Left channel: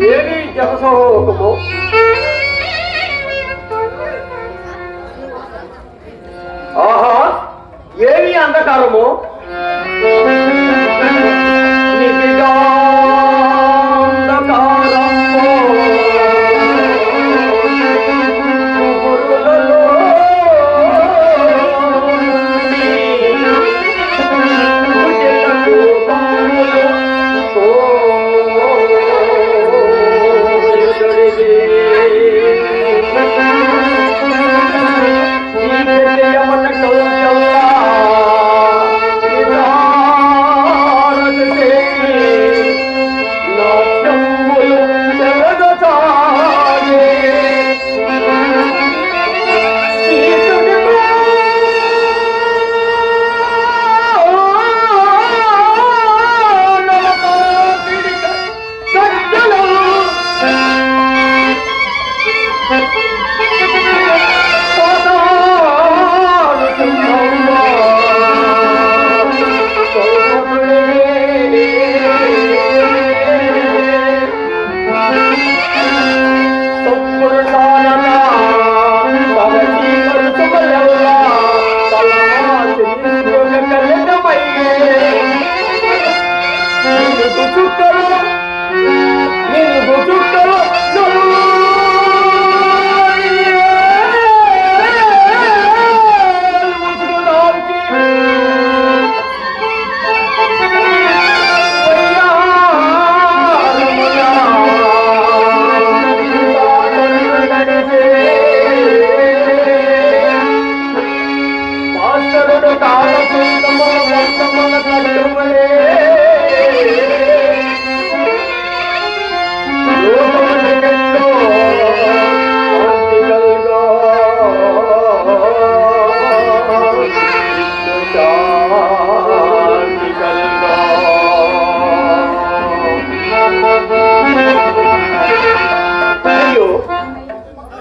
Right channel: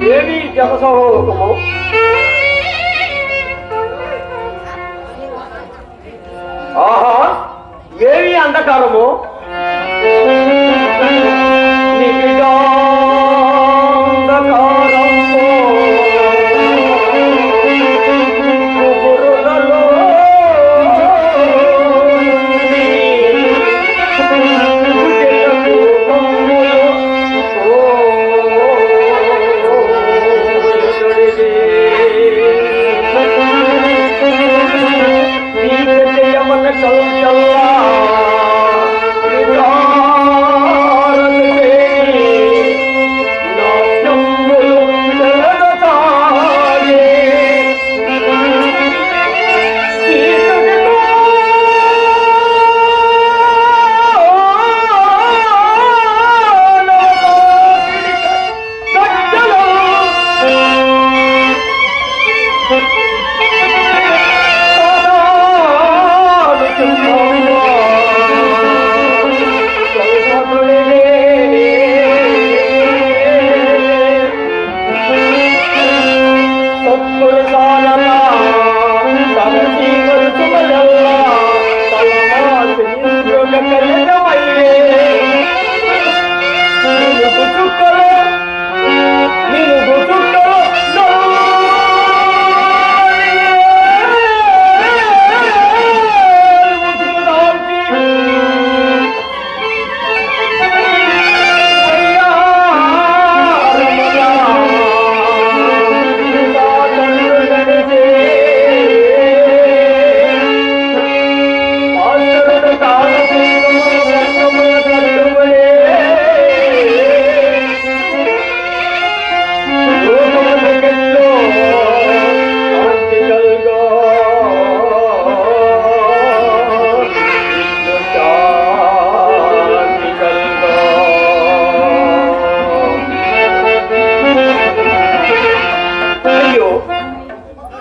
家に優しさの方だったの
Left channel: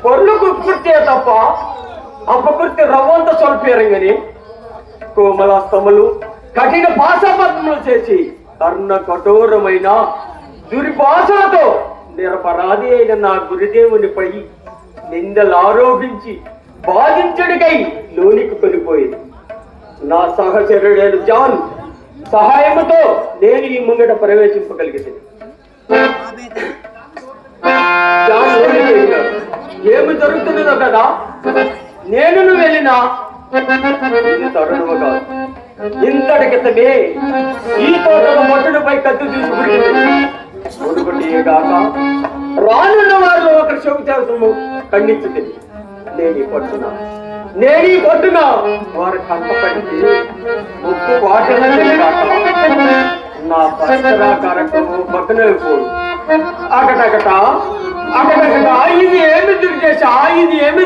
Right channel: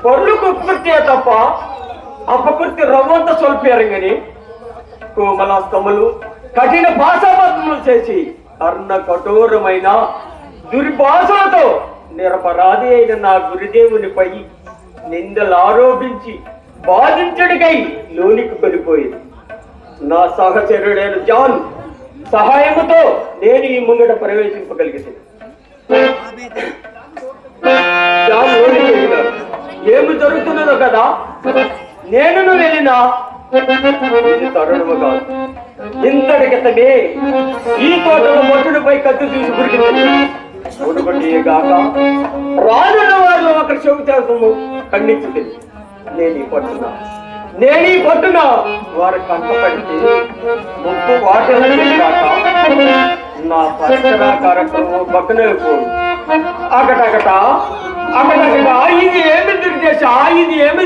పొర్లు కుకృత్యే తప్ప అపకృత్య రవ్వంత స్వల్పేరంగని కోమలాస్తములు కఠిన భాషాపద్మలు చేసి కర్ణ కఠోరమైన దుర్భాషలతో నిరపరాధి అయిన నా గురుదేవునిపై నిందలు ఆరోపించి బాధించడికై లోనికి వెళ్ళిపోయింది నా సహచరుడైన జాన్ సహాయముతో నేను ఈ ముంగట ప్రవేశింపగలిగింది కదా? నేను నువ్వు వెళ్ళినా? ఇది కాదు. ఇంతటి ఈ తోట మొట్టడిపై కత్తి తీసుకుని ఒకటి రానున్న వారిలో ఒకరి చెవు చేసము ఖండించింది నేను ఈ పట్టున? నేను ఈ పట్టున? వారి కంటపడితే ముప్పు వాటిని నా పట్టణ కార్యక్రమం పక్కన వెళ్ళిపోదు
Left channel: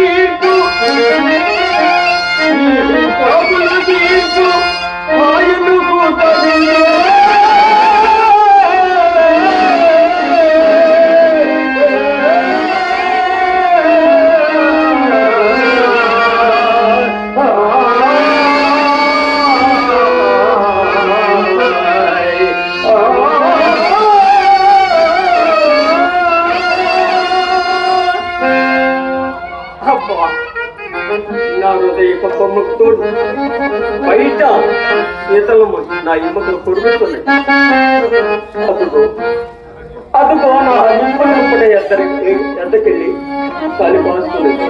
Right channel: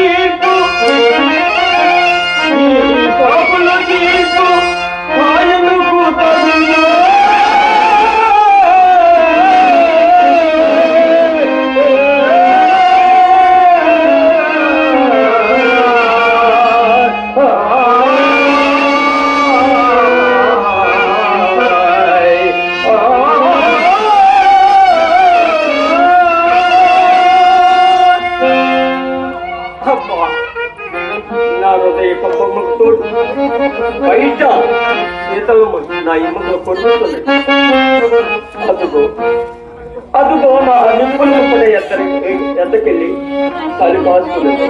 Thank you. యొక్క హృదయ ముక్తుడు బయట శీతలము నా ఎముకలు కొడుకుతున్నాయి అదిగో అదుగో నా నిప్పులు ఎద్దరికి ఎద్దకెళ్ళి చలి కాస్తున్నది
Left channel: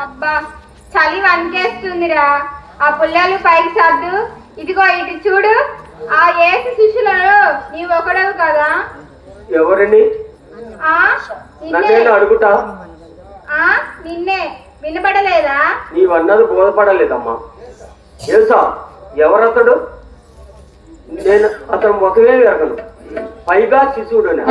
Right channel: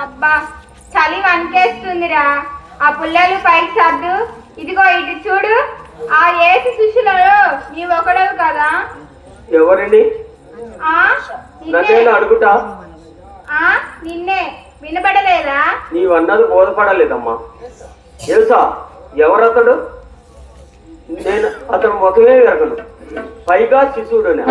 అబ్బా చలి వణికేస్తుందిరా. ఆ పుల్లలు పైకి సర్దు. ఇదిగో ఇటు చూడు. ఆ ఏసు శిష్యులలో నీ ఒకడవు కదా. ఎవరిని? ఆ? నిన్నే. నన్నేను అడుగుతా? ఆ? నిన్నే. వినపడలేదా? నీవన్నది బోధపడలేదమ్మా. తెలుసా ఎవరతడు? నేను అతను ముఖమే ఎరగను పైగా శిశువుడని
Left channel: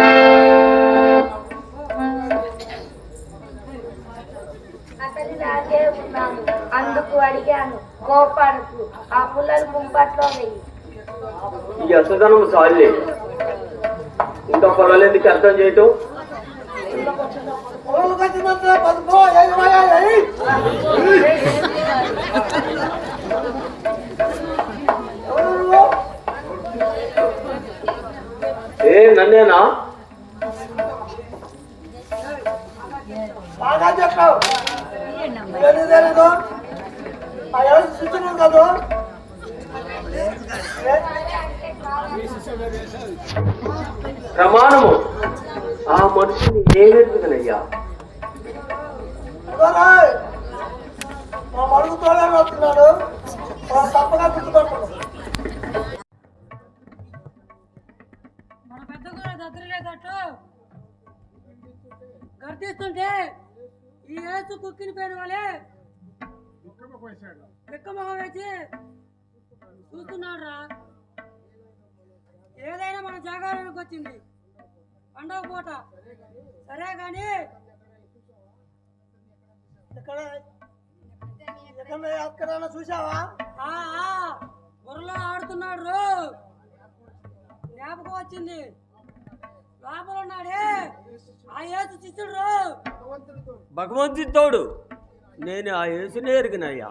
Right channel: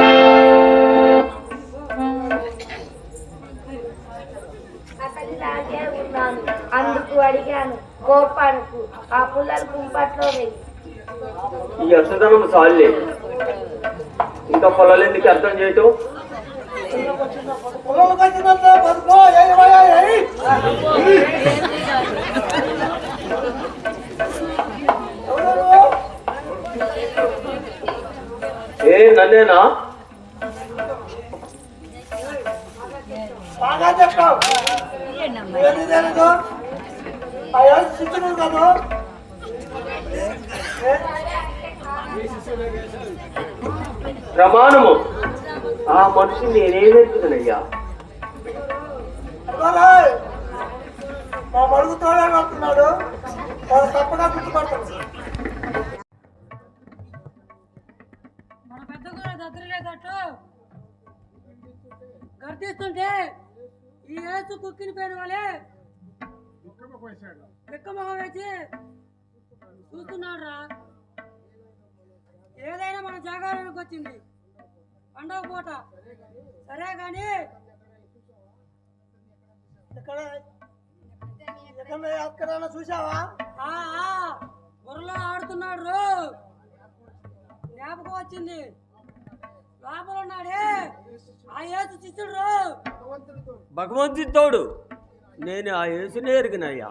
అతనిలాగే ఉన్నాను అందుకు అడిగాను కోపాడుకు ఆ పుల్లలు కుంపట్లో వెయ్యి ఈ అసదనం సాలే ఇంకా పొలాలు ఎందుకు అర్థం చేయటం ఏ నన్నేనా? బాగా చెప్పావు. తెలియదు తెలీదు ఆ ఎవరు శిక్షణ కాదు? ప్రమాణము ఆ మనిషిని నేనే వెతుకుతానయ్యా ఇదిగోరాయ్, మా మడుగు తోడే వస్తున్నాడు మనం తప్పగా గుర్తుపడతాడు. ఏసు కుక్కిని పోయిన వాళ్ళే. లెక్కమొహం వేసి చూస్తున్నాడు రా ఏదైనా మన జాగారానికి వచ్చింది. పండగ పూట. సరే కానీ ఇక్కడ ఎక్కడ ఎక్కడైనా చూసావా ఆ ఆ, బుర్రలో ఆడుతున్నాడు. రో జ్ఞాపకం వచ్చింది. లోపల ఉన్నాడే. ఆ శిష్యుడు. భగవంతుడి తోడు నేను ఆ యేసునే ఎరిగినయ్యా.